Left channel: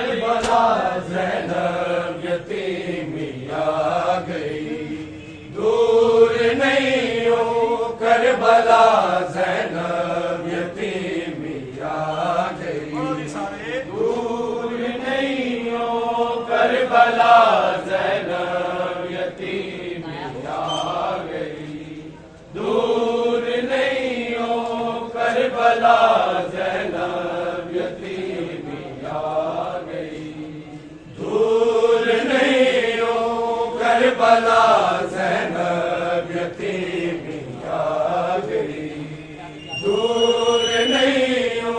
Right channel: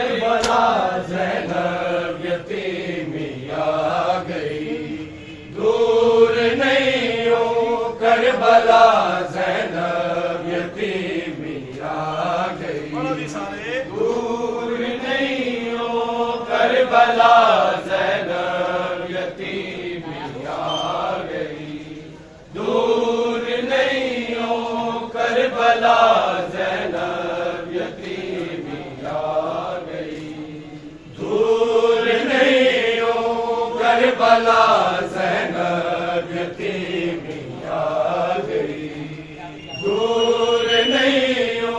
Karbala Zainab यतीमी आ गई, दूर नहीं हो करबला ज़ैनब यतीमी आ गई, दूर नहीं हो करबला ज़ैनब यतीमी आ गई, दूर नहीं हो करबला ज़ैनब यतीमी आ गई, दूर नहीं हो करबला ज़ैनब यतीमी आ गई, दूर नहीं हो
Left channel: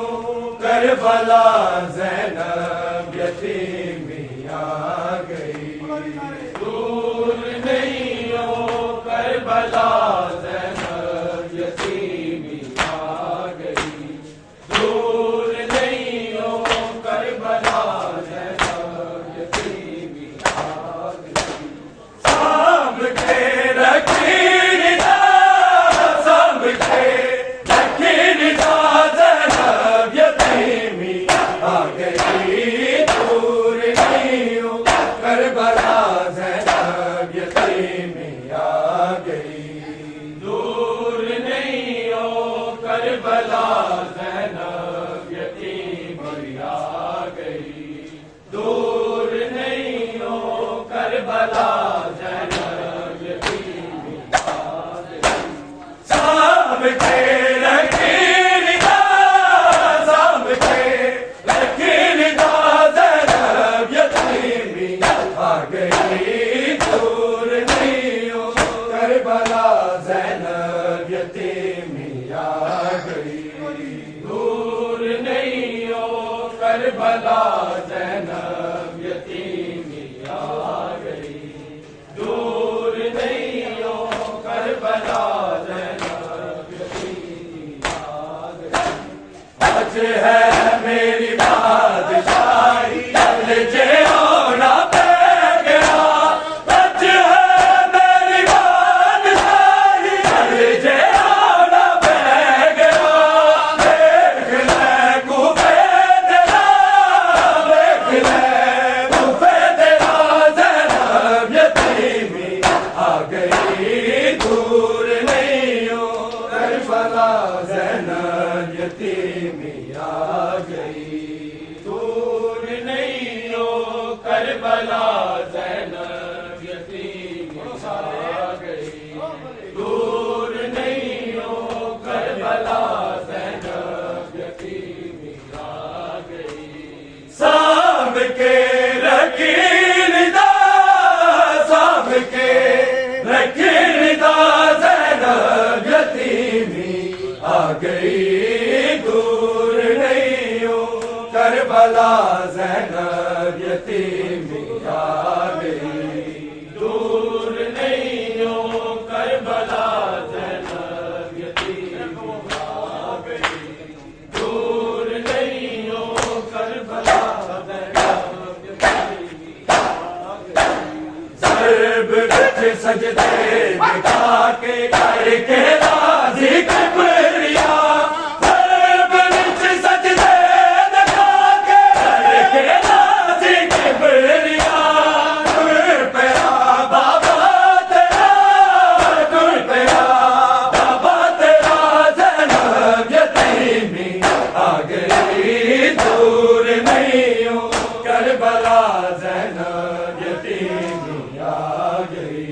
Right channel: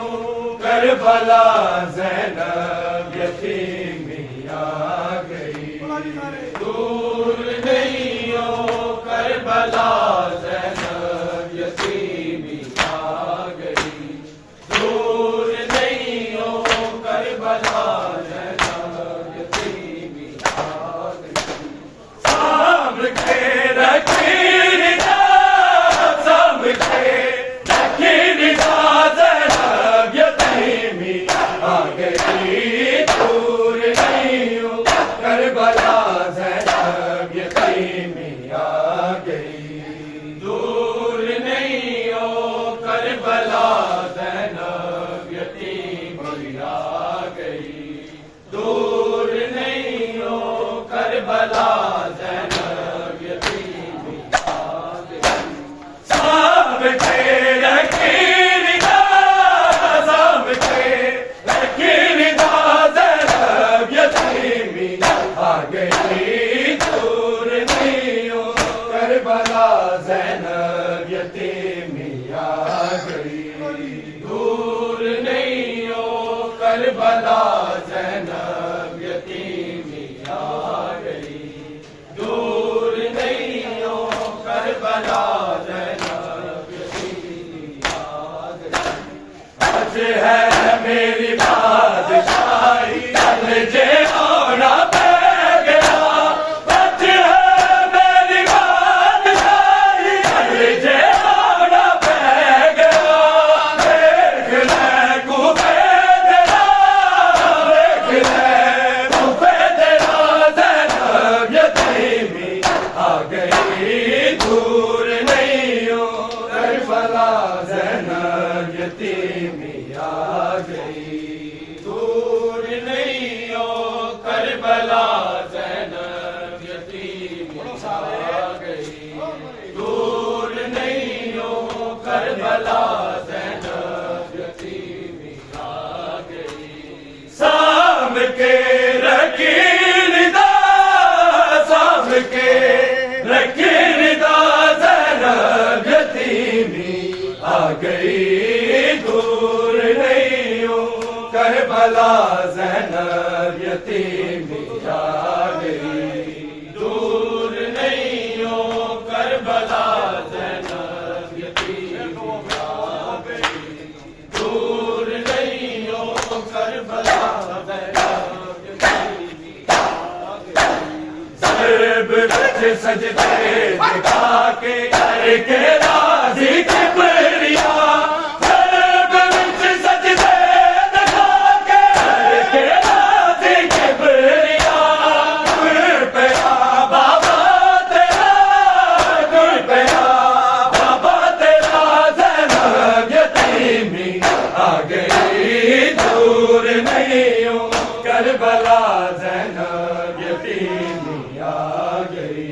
करबला ज़ैनब यतीमी आ गई, दूर नहीं हो करबला ज़ैनब यतीमी आ गई, दूर नहीं हो करबला ज़ैनब यतीमी आ गई। सांभ के रखीदा, सांभ के रखीदा ज़ैनब यतीमी आ गई, दूर नहीं हो करबला ज़ैनब यतीमी आ गई, दूर नहीं हो करबला ज़ैनब यतीमी आ गई, दूर नहीं हो करबला ज़ैनब यतीमी आ गई। सांभ के रखीदा, सांभ के रखीदा ज़ैनब यतीमी आ गई, दूर नहीं हो करबला ज़ैनब यतीमी आ गई, दूर नहीं हो करबला ज़ैनब यतीमी आ गई, दूर नहीं हो करबला ज़ैनब यतीमी आ गई। आज है मेरी बादशाही, चल जे होना पै गया, आज है मेरी बादशाही, चल जे होना पै गया, देख ले कूफे तेरा, देख ले कूफे तेरा, ज़ैनब यतीमी आ गई, दूर नहीं हो करबला ज़ैनब यतीमी आ गई, दूर नहीं हो करबला ज़ैनब यतीमी आ गई, दूर नहीं हो करबला ज़ैनब यतीमी आ गई। सांभ के रखीदा, सांभ के रखीदा ज़ैनब यतीमी आ गई, दूर नहीं हो करबला ज़ैनब यतीमी आ गई, दूर नहीं हो करबला ज़ैनब यतीमी आ गई, दूर नहीं हो करबला ज़ैनब यतीमी आ गई। ज़रब बिठ सजदे दिखा के करके राज़ी किबरिया, ज़रब बिठ सजदे दिखा के करके राज़ी किबरिया, गुर पे आ बाबा तेरा, गुर पे आ बाबा तेरा, ज़ैनब यतीमी आ गई, दूर नहीं हो करबला ज़ैनब यतीमी आ गई,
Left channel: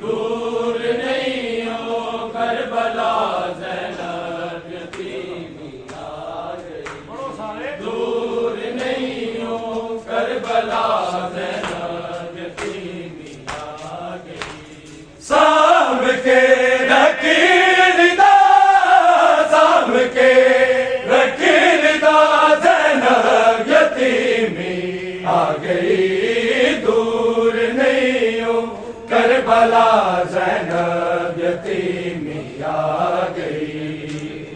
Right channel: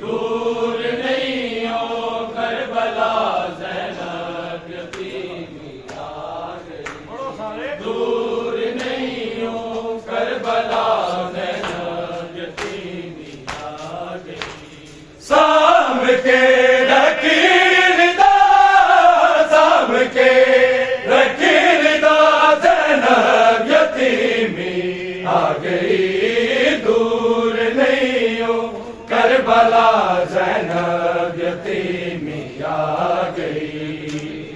दूर नहीं हो करबला ज़ैनब यतीमी आ गई, दूर नहीं हो करबला ज़ैनब यतीमी आ गई। सांभ के रखीदा, सांभ के रखीदा ज़ैनब यतीमी आ गई, दूर नहीं हो करबला ज़ैनब यतीमी आ गई,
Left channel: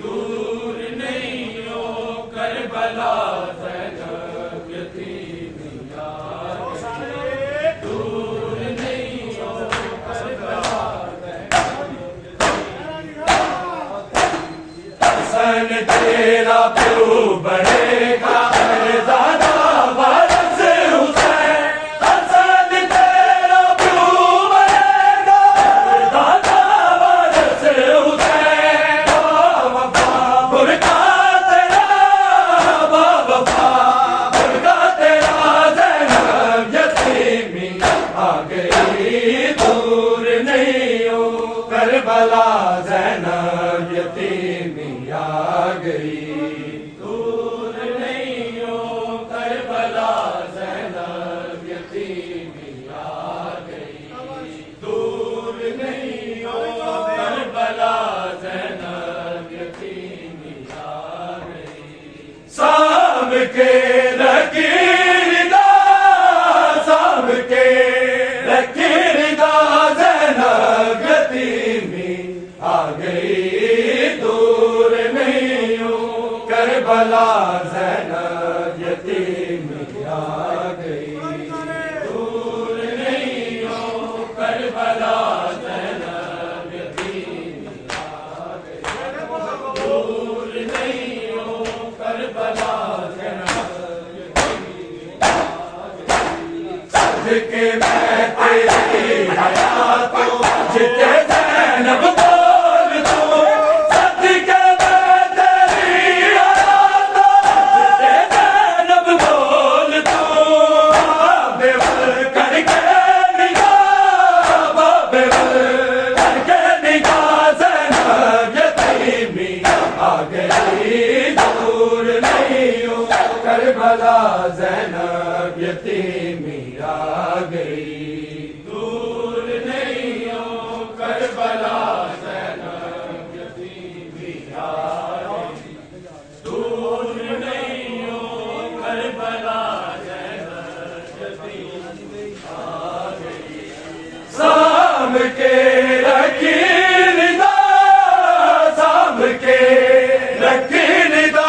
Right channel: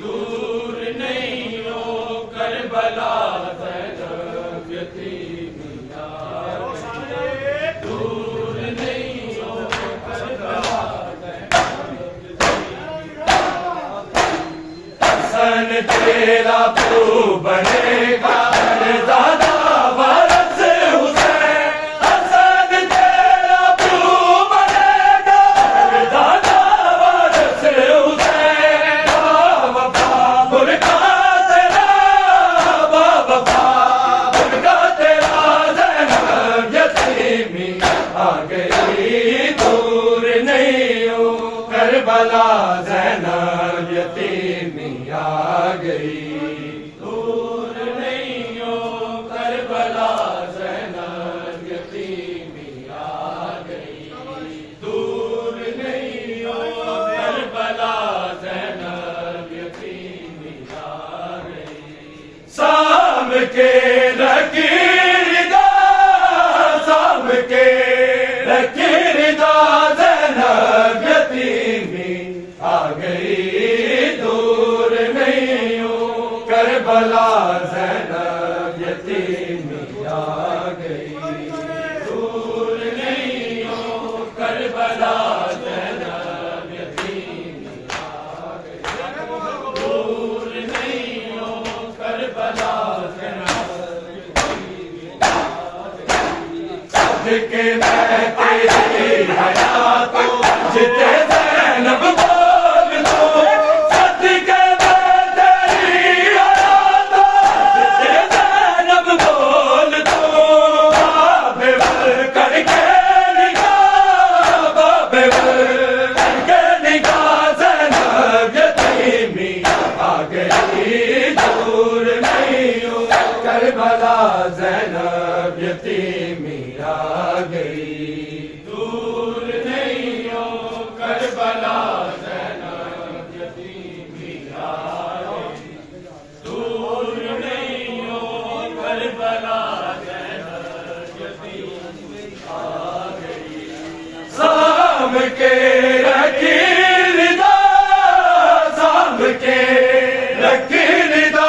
दूर नहीं हो करबला ज़ैनब यतीमी आ गई, दूर नहीं हो करबला हसन तेरा प्यो बनेगा दादा वारस हुसैन, हसन तेरा प्यो बनेगा दादा वारस हुसैन। वफा बुरका तेरा वफा बुरका तेरा ज़ैनब यतीमी आ गई दूर नहीं हो करबला ज़ैनब यतीमी आ गई दूर नहीं हो करबला ज़ैनब यतीमी आ गई दूर नहीं हो करबला ज़ैनब यतीमी आ गई। साम के लकीरदा साम के लकीरदा ज़ैनब यतीमी आ गई दूर नहीं हो करबला ज़ैनब यतीमी आ गई दूर नहीं हो करबला ज़ैनब यतीमी आ गई दूर नहीं हो करबला ज़ैनब यतीमी आ गई। सदके मैं तेरी हयातो जिते ज़ैनब बोल दो, सदके मैं तेरी हयातो जिते ज़ैनब बोल दो। बाबेवर करके निगाह बाबेवर करके निगाह ज़ैनब यतीमी आ गई दूर नहीं हो करबला ज़ैनब यतीमी आ गई दूर नहीं हो करबला ज़ैनब यतीमी आ गई दूर नहीं हो करबला ज़ैनब यतीमी आ गई। साम के लकीरदा साम के लकीरदा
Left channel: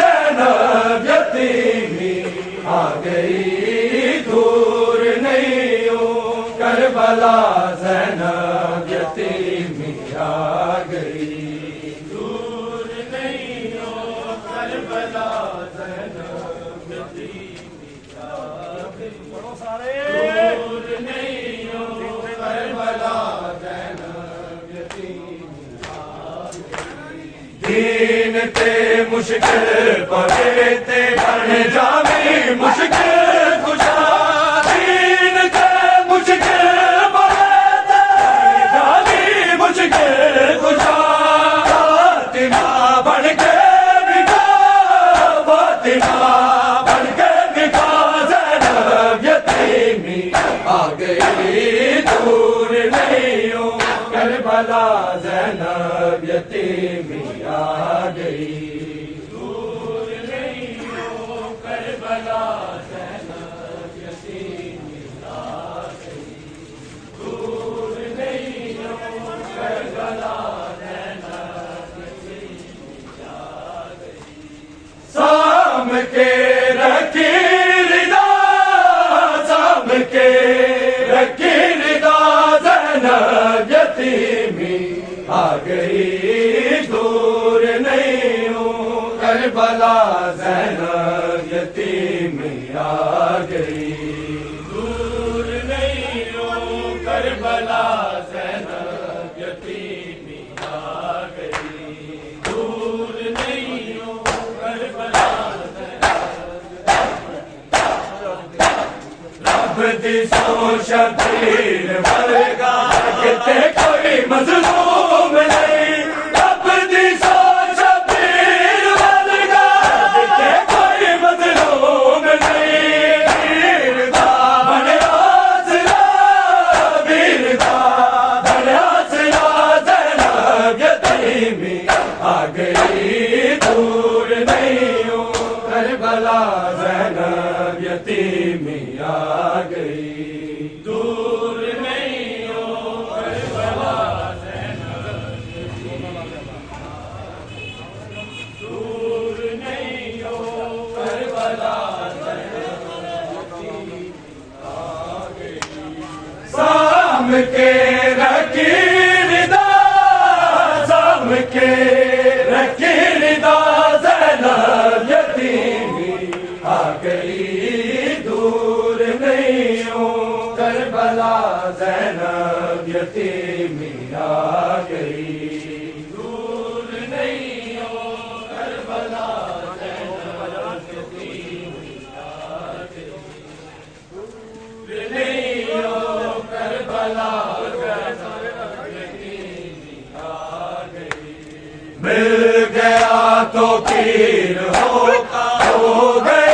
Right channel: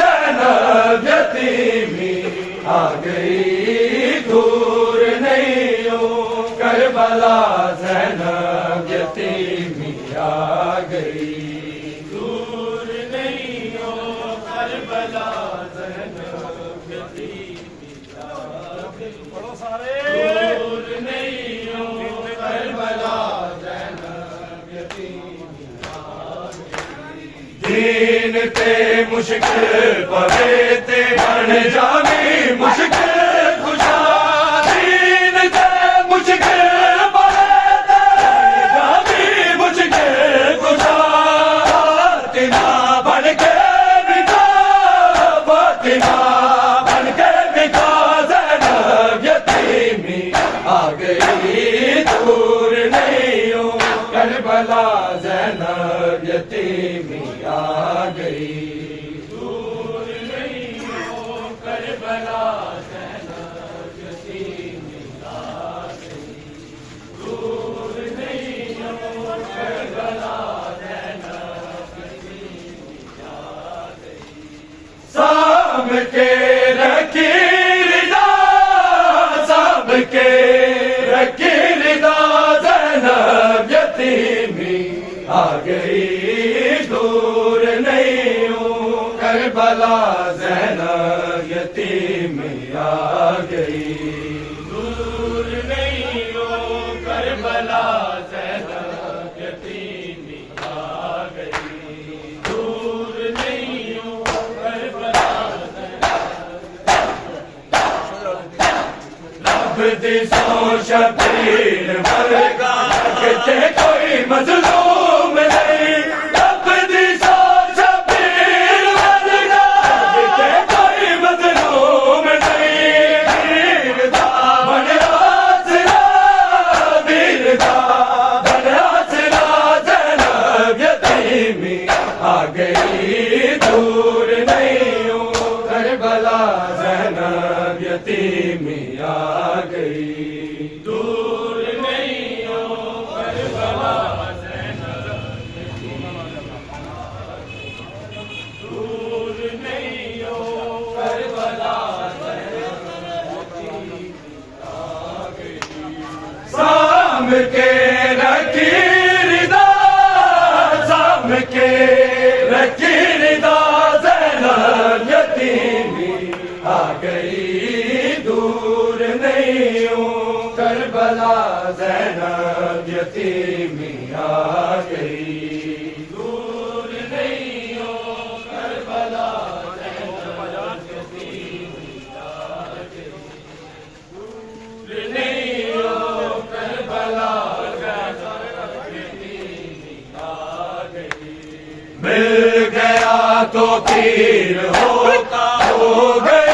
ज़ैनब यतीमी आ गई दूर नहीं हो करबला ज़ैनब यतीमी आ गई दूर नहीं हो करबला ज़ैनब यतीमी आ गई दूर नहीं हो करबला ज़ैनब यतीमी आ गई। दीन ते मुश्किल पवे ते बन जावे मुश्किल खुशा, दीन ते मुश्किल पवे ते जावे मुश्किल खुशा। फातिमा बन के बिका फातिमा बन के बिका ज़ैनब यतीमी आ गई दूर नहीं हो करबला ज़ैनब यतीमी आ गई दूर नहीं हो करबला ज़ैनब यतीमी आ गई दूर नहीं हो करबला ज़ैनब यतीमी आ गई। साम के लकीरदा साम के लकीरदा ज़ैनब यतीमी आ गई दूर नहीं हो करबला ज़ैनब यतीमी आ गई दूर नहीं हो करबला ज़ैनब यतीमी आ गई दूर नहीं हो करबला रब दी सो शबीर वर्गा किते कोई मज़लूम नहीं, रब दी सो शबीर वर्गा किते कोई मज़लूम नहीं। वीर दा बन हासिला वीर दा बन हासिला ज़ैनब यतीमी आ गई दूर नहीं हो करबला ज़ैनब यतीमी आ गई दूर नहीं हो करबला। ज़ैनब यतीमी आ गई, दूर नहीं हो करबला ज़ैनब यतीमी आ गई, दूर नहीं हो करबला ज़ैनब यतीमी आ गई। मिल गया तो पीर होता हो गए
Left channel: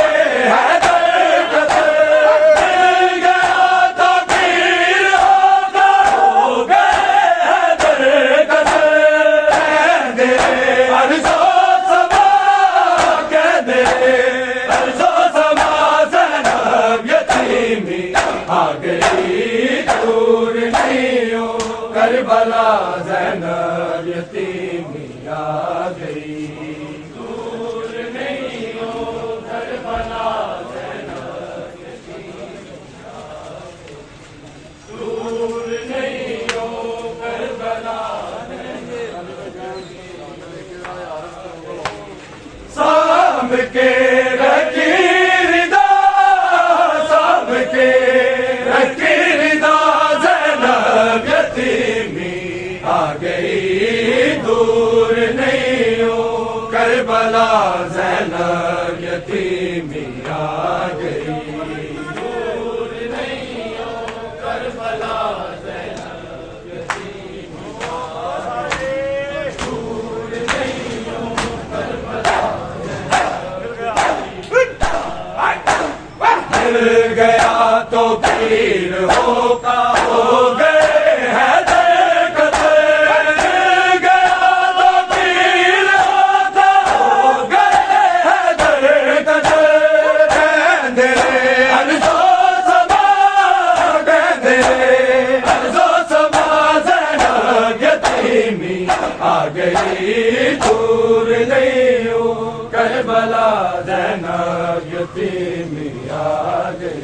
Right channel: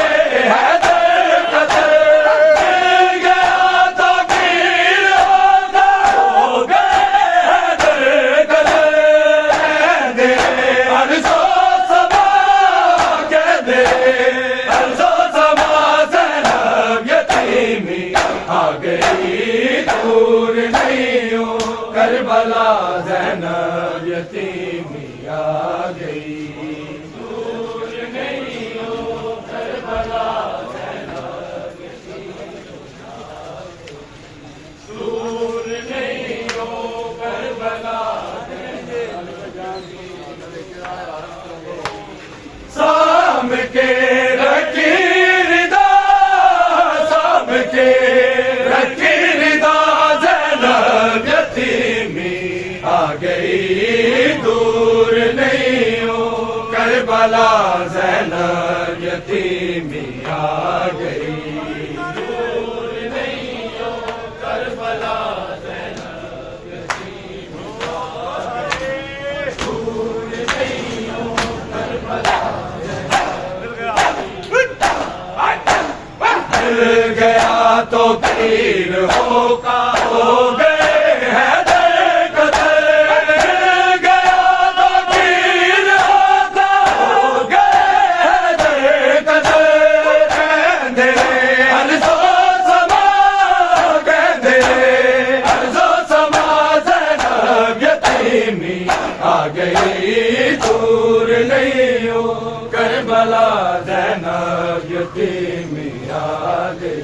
करबला ज़ैनब यतीमी आ गई, दूर नहीं हो करबला ज़ैनब यतीमी आ गई, दूर नहीं हो करबला साम के रखी रिदा, साम के रखी रिदा ज़ैनब यतीमी आ गई, दूर नहीं हो करबला ज़ैनब यतीमी आ गई, दूर नहीं हो करबला ज़ैनब यतीमी आ गई, दूर नहीं हो करबला मिल गया तो पीर होका हो गए हैं दरकदर, मिल गया तो पीर होका हो गए हैं दरकदर, कहंदे अर्ज़ो समा, कहंदे अर्ज़ो समा ज़ैनब यतीमी आ गई, दूर नहीं हो करबला ज़ैनब यतीमी आ गई,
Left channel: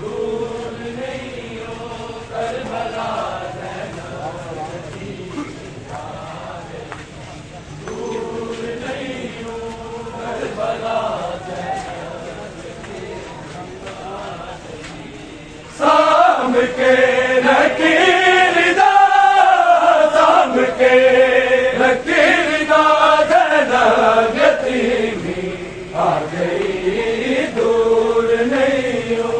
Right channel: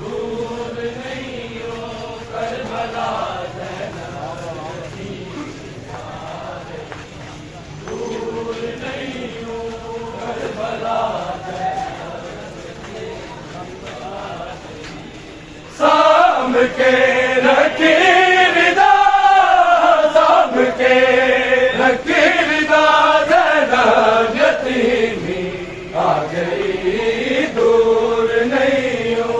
दूर नहीं हो करबला ज़ैनब यतीमी आ गई, दूर नहीं हो करबला ज़ैनब यतीमी आ गई। साम के रखी रिदा, साम के रखी रिदा ज़ैनब यतीमी आ गई, दूर नहीं हो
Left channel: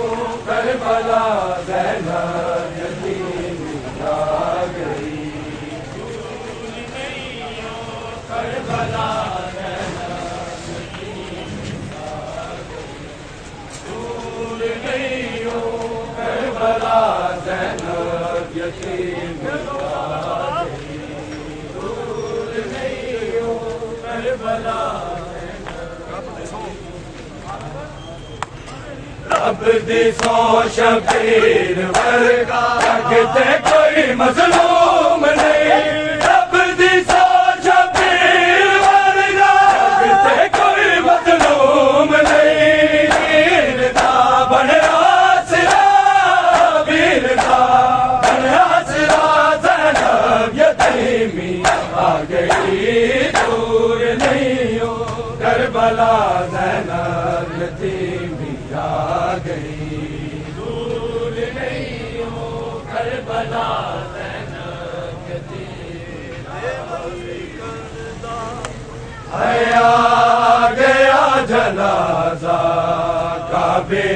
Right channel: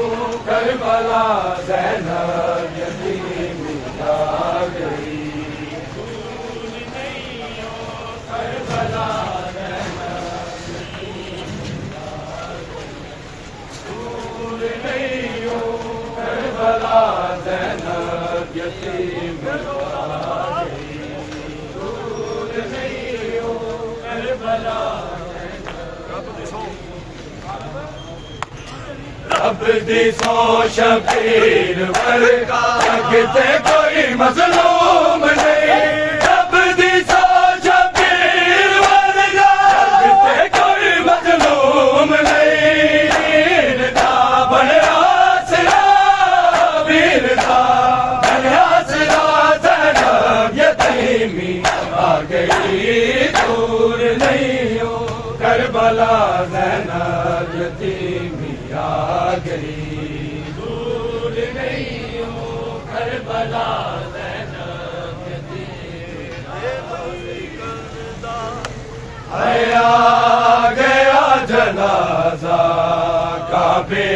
करबला ज़ैनब यतीमी आ गई, दूर नहीं हो करबला ज़ैनब यतीमी आ गई, दूर नहीं हो करबला ज़ैनब यतीमी आ गई, दूर नहीं हो करबला रब दी सौ शबीर वर्गा अगते कोई मज़लूम नहीं, रब दी सौ शबीर वर्गा अगते कोई मज़लूम नहीं, वीरदा बनया सिरा, वीरदा बनया सिरा ज़ैनब यतीमी आ गई, दूर नहीं हो करबला ज़ैनब यतीमी आ गई, दूर नहीं हो करबला ज़ैनब यतीमी आ गया जनाज़ा काबे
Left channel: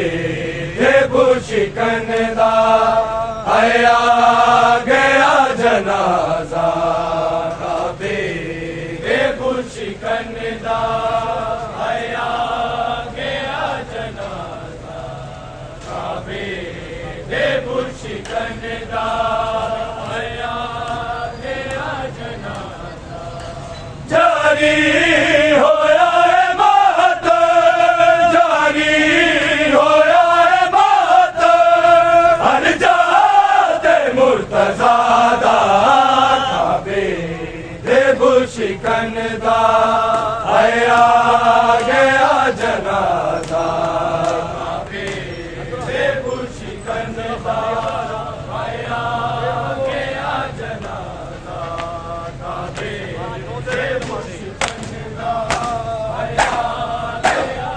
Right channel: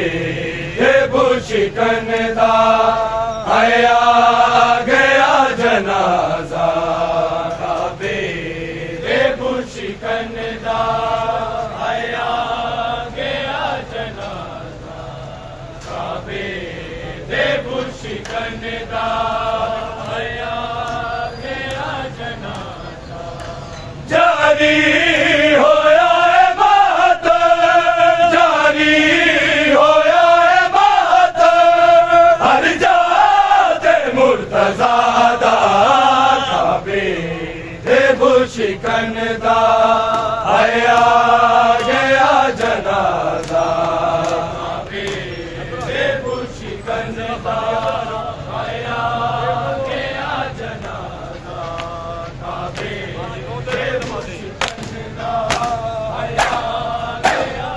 के बुशिकन दा, आया गया जनाज़ा काबे के बुशिकन दा, आया गया जनाज़ा काबे के बुशिकन दा, आया गया जनाज़ा जारी होया है मातम, जारी होया है मातम, हर जाते मुर्तज़ा दा काबे के बुशिकन दा, आया गया जनाज़ा काबे के बुशिकन दा, आया गया जनाज़ा काबे के बुशिकन दा, आया गया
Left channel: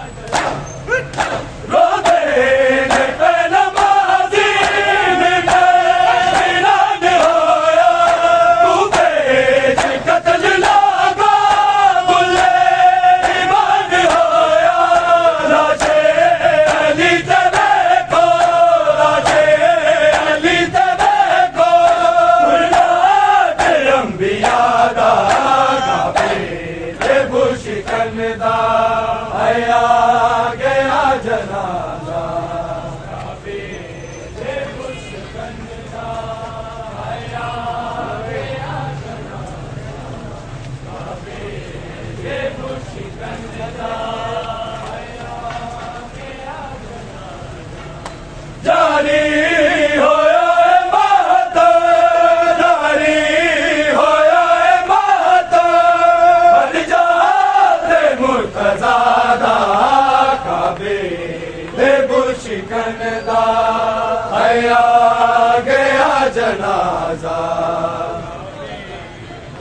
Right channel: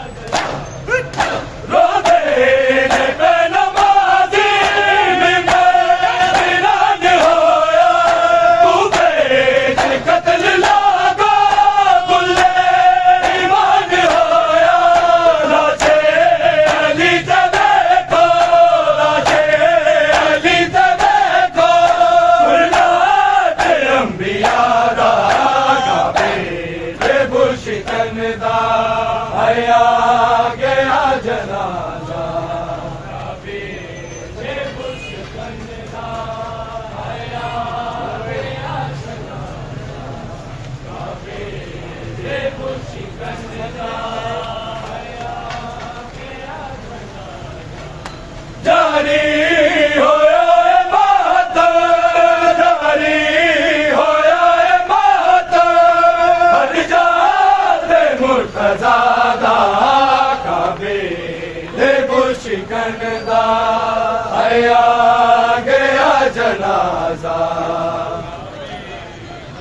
रो दे नमाज़ी जनाजा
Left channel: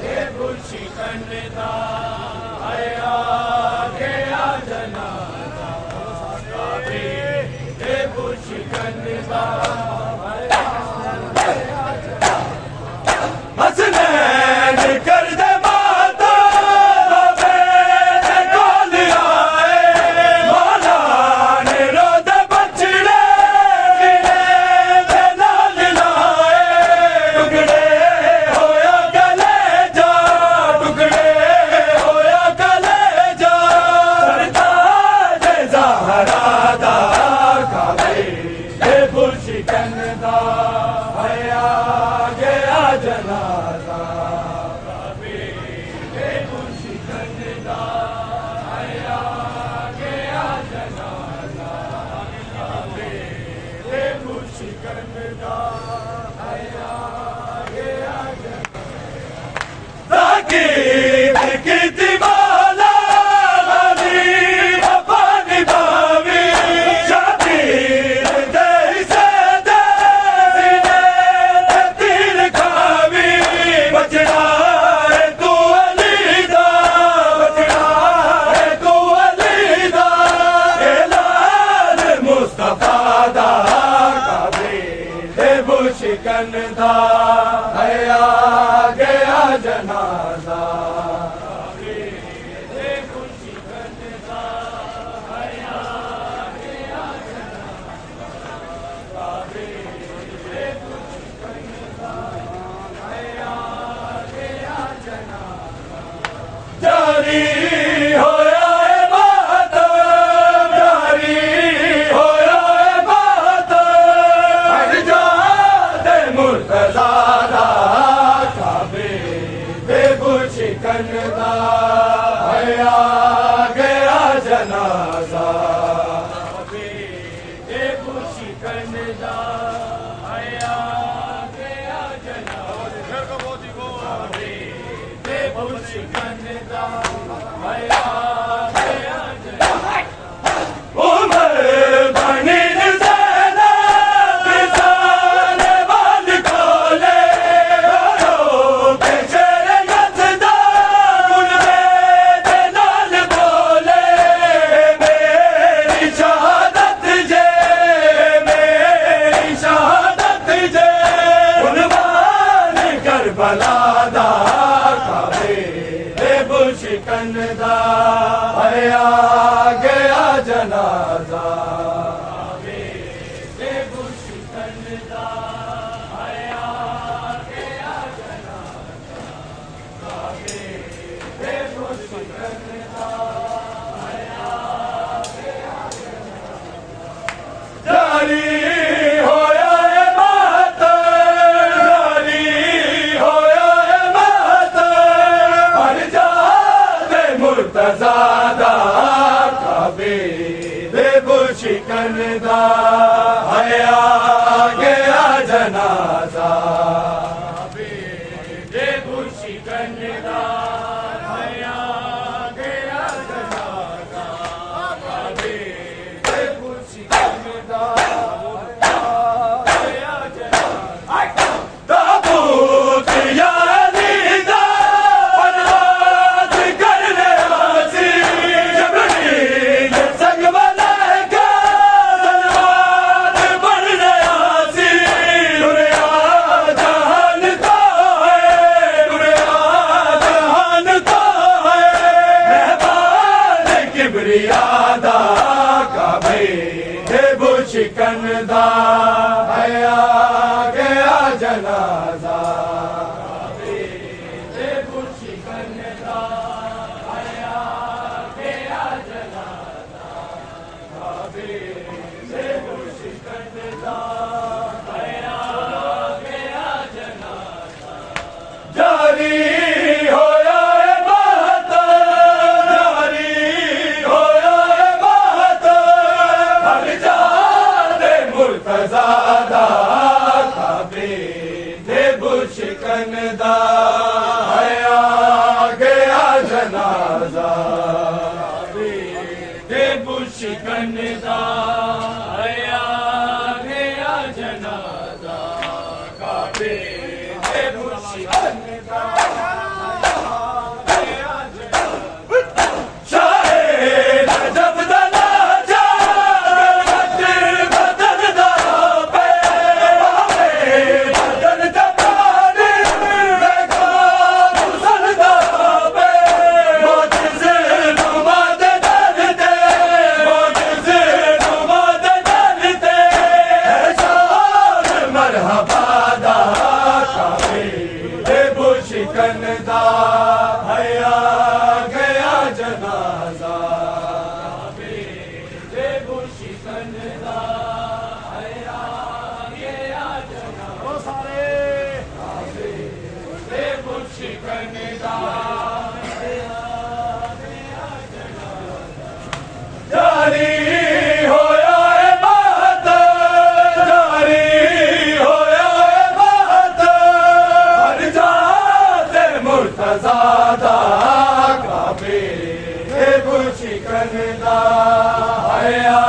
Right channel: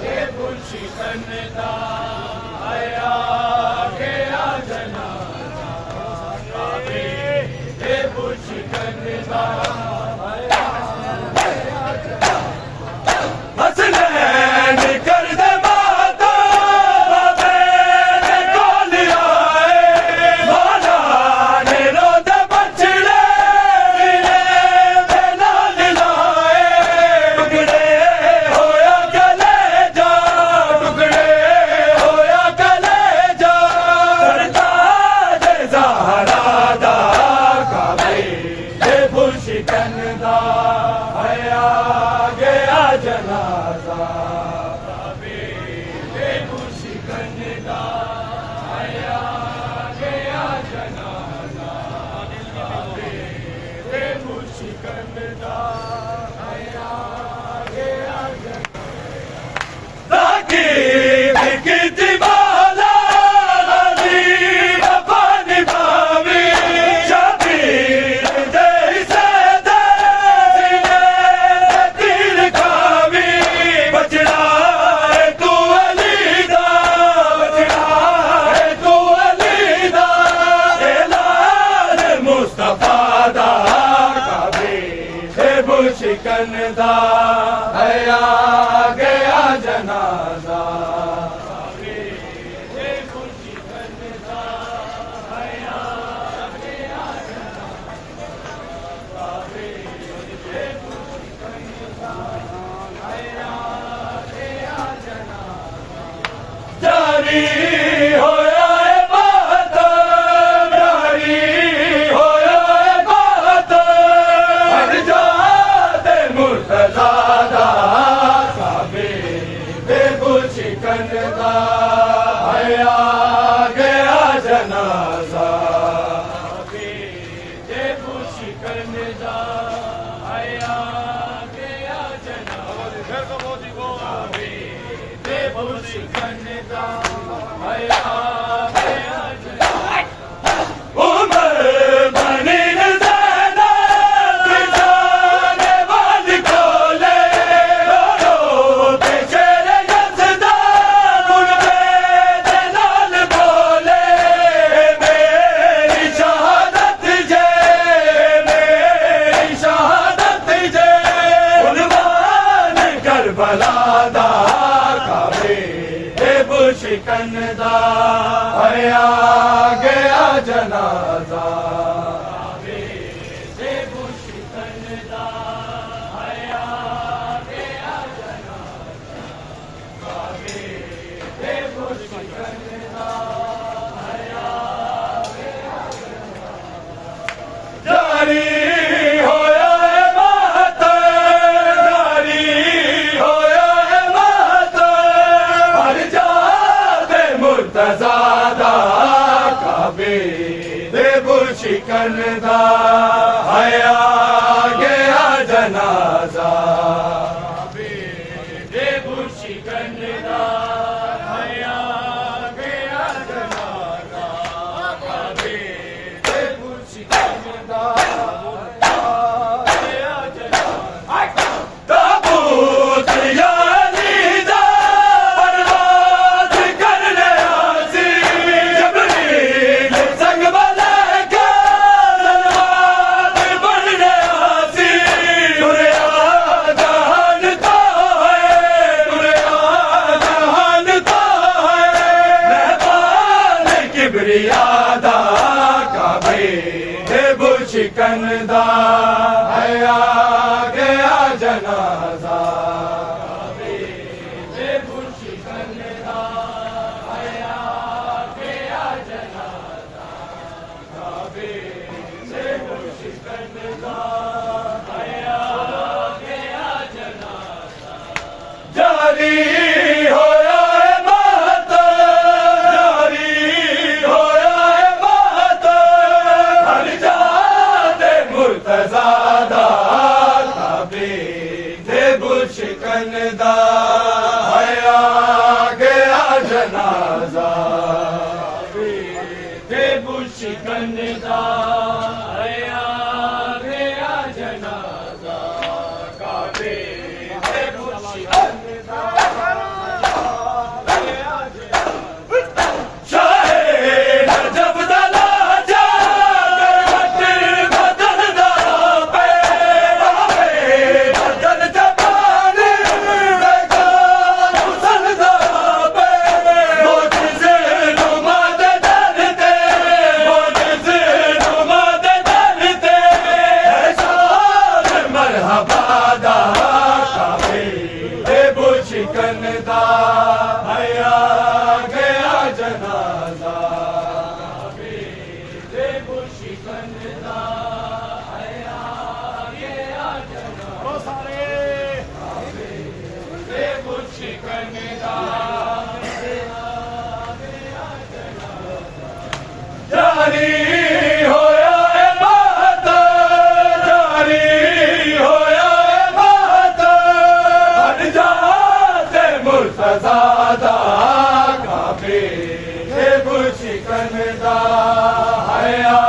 ये बुशिकनदा आया गया जनाजा काबे ये बुशिकनदा आया गया जनाजा हसनैन कर दे माता बाबे ने कॉल आए मौला ने रो दे बछड़े लाल लाए टुकड़े होया गले जा टुकड़े होया गले जा सरताज ज़हरा दा काबे ये बुशिकनदा आया गया जनाजा काबे ये बुशिकनदा आया गया जनाजा काबे ये बुशिकनदा आया गया जनाजा ताकी मौला वाली वफा निभावी शबीर दे से दे सीने ते तीर खावी बचड़ा है तू अली दा बचड़ा है तू अली दा लाल मुस्तफा दा काबे ये बुशिकनदा आया गया जनाजा काबे ये बुशिकनदा आया गया जनाजा काबे ये बुशिकनदा आया गया जनाजा जारी होया है मातम जारी होया है मातम हर जाते मुर्तज़ा दा काबे ये बुशिकनदा आया गया जनाजा काबे ये बुशिकनदा आया गया जनाजा काबे ये बुशिकनदा आया गया जनाजा उमर बनी ज़ैनब निशाने वाल खोले रो के शेर यज़दा मुर्दे दे नाल बोले मेरी शहादत जे मेरी शहादत जे कुर्बान करबला दा काबे ये बुशिकनदा आया गया जनाजा काबे ये बुशिकनदा आया गया जनाजा काबे ये बुशिकनदा आया गया जनाजा जारी होया है मातम जारी होया है मातम हर जाते मुर्तज़ा दा काबे ये बुशिकनदा आया गया जनाजा काबे ये बुशिकनदा आया गया जनाजा काबे ये बुशिकनदा आया गया जनाजा ताबूत यानी दा परवाज़ कर ले आसी जबरील संग मलाइका सलवात बन ले आसी दुनिया जहान का है दुनिया जहान का है मेहमान किबरिया दा काबे ये बुशिकनदा आया गया जनाजा काबे ये बुशिकनदा आया गया जनाजा काबे ये बुशिकनदा आया गया जनाजा जारी होया है मातम जारी होया है मातम हर जाते मुर्तज़ा दा काबे ये बुशिकनदा आया गया जनाजा काबे ये बुशिकनदा आया गया जनाजा काबे शिकंदा हया गया जनाजा देबो शिकंदा हया गया जनाजा सारे देबो शिकंदा जारी होया है बात जारी होया है बात हर जाते मुर्तज़ादा काबे शिकंदा हया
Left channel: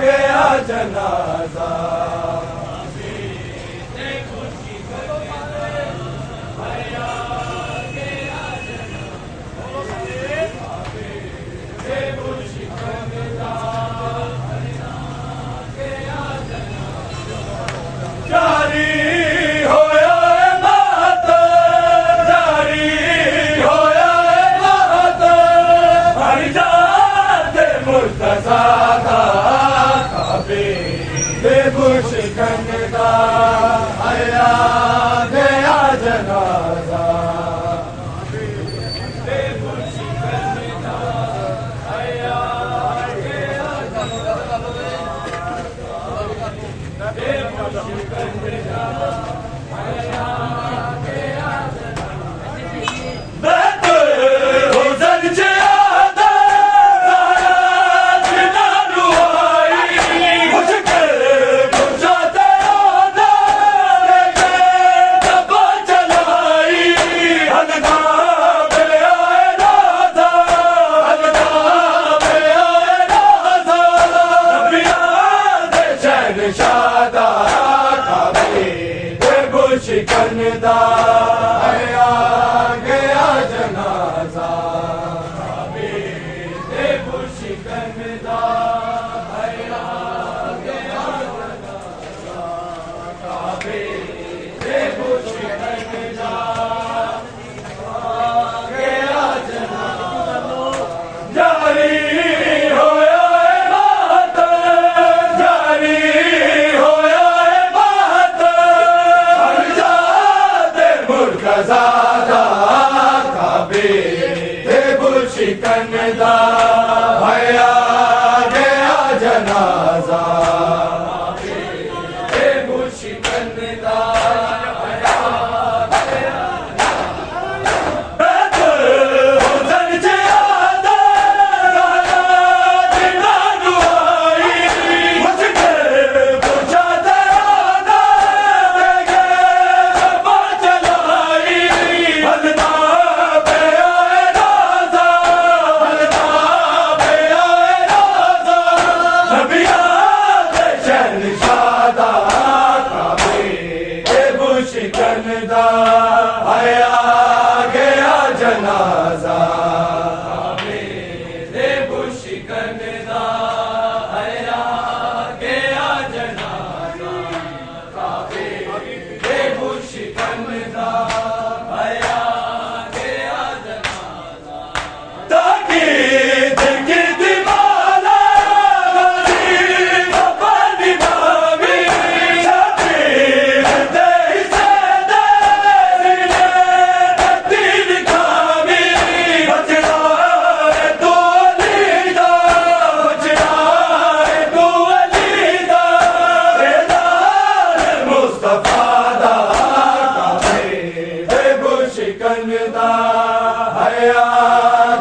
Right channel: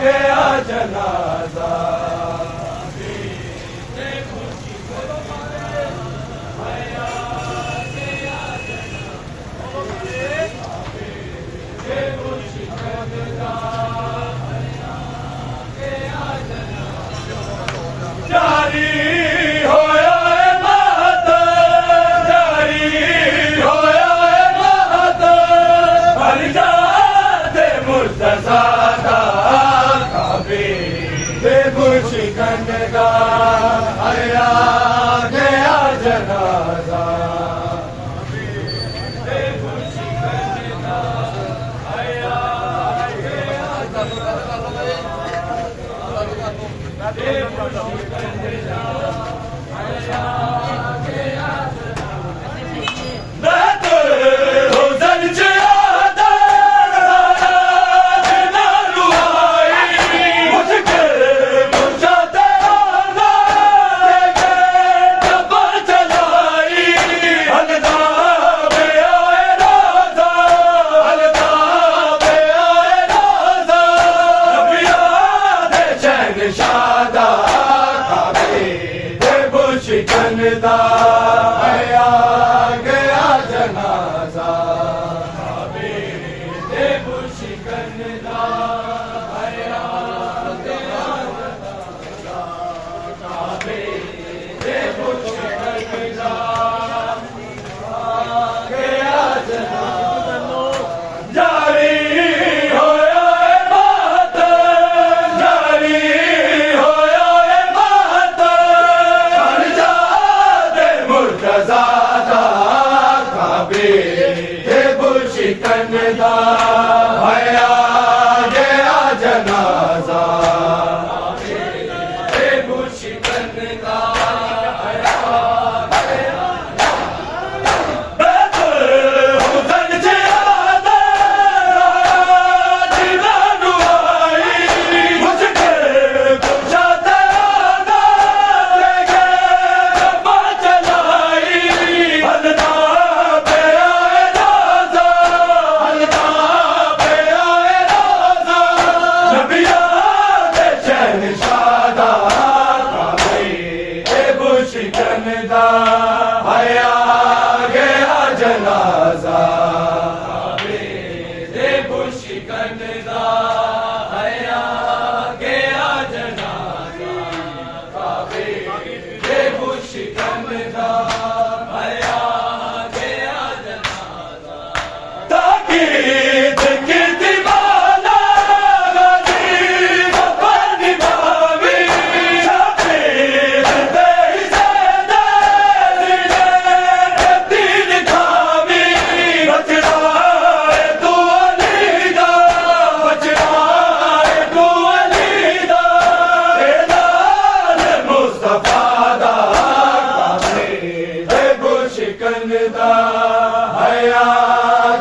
गया जनाजा जारी होया है बात जारी होया है बात हर जाते मुर्तज़ादा काबे शिकंदा हया गया जनाजा शादा काबे देबो शिकंदा हया गया जनाजा काबे देबो शिकंदा हया गया जनाजा काबे देबो शिकंदा गया जनाजा जारी होया है बात जारी मुर्तज़ादा काबे देबो शिकंदा हया गया जनाजा देबो शिकंदा हया गया हुसन से आदा दीवानु आई मुझके पुछाते आदा देखे जबा चलाई हलदा पे आए राजा हलदा पे आए राजा नबिया के चैन शादा काबे देबो शिकंदा हया गया जनाजा काबे देबो शिकंदा हया गया जनाजा काबे देबो शिकंदा हया गया जनाजा ताकि दिल दीवाना गरीब पर निभावी छापे तेरी से दिले तीर खावी बचड़ा है तू अलीदा बचड़ा है तू अलीदा बेलाल मुस्तफा दा काबे देबो शिकंदा हया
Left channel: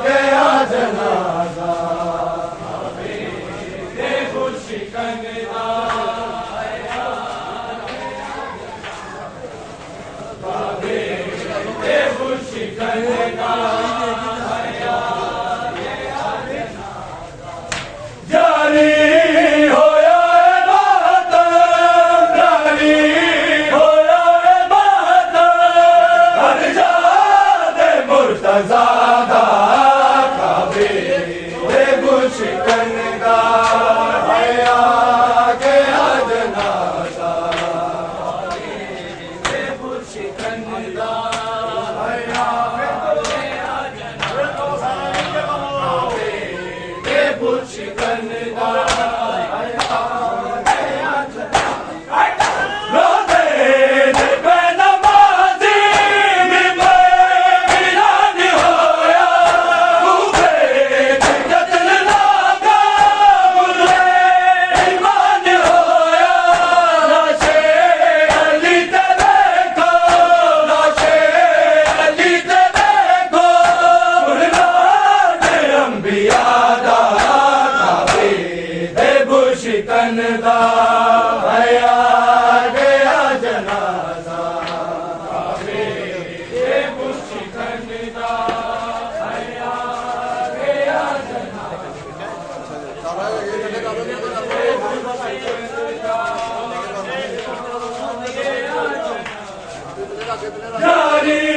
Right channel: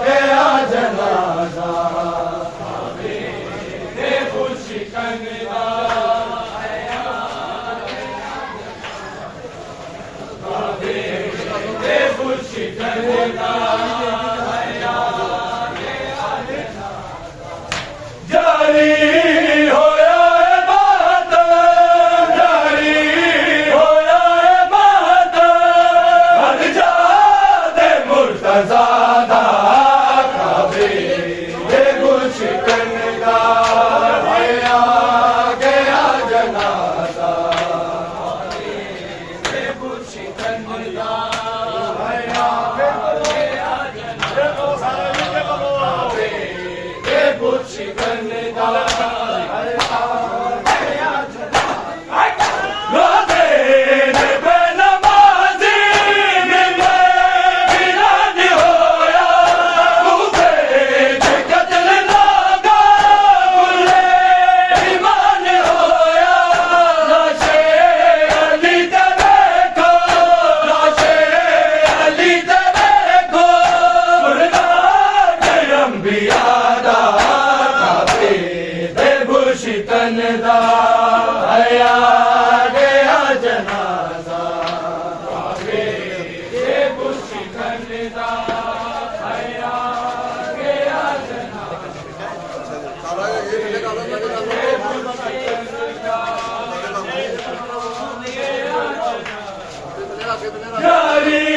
गया जनाजा काबे देबो शिकंदा काबे देबो शिकंदा जारी होया है बात जारी होया है बात हर जाते मुर्तज़ादा काबे देबो शिकंदा हया गया जनाजा देबो शिकंदा हया गया जनाजा देबो शिकंदा हया गया जनाजा जारी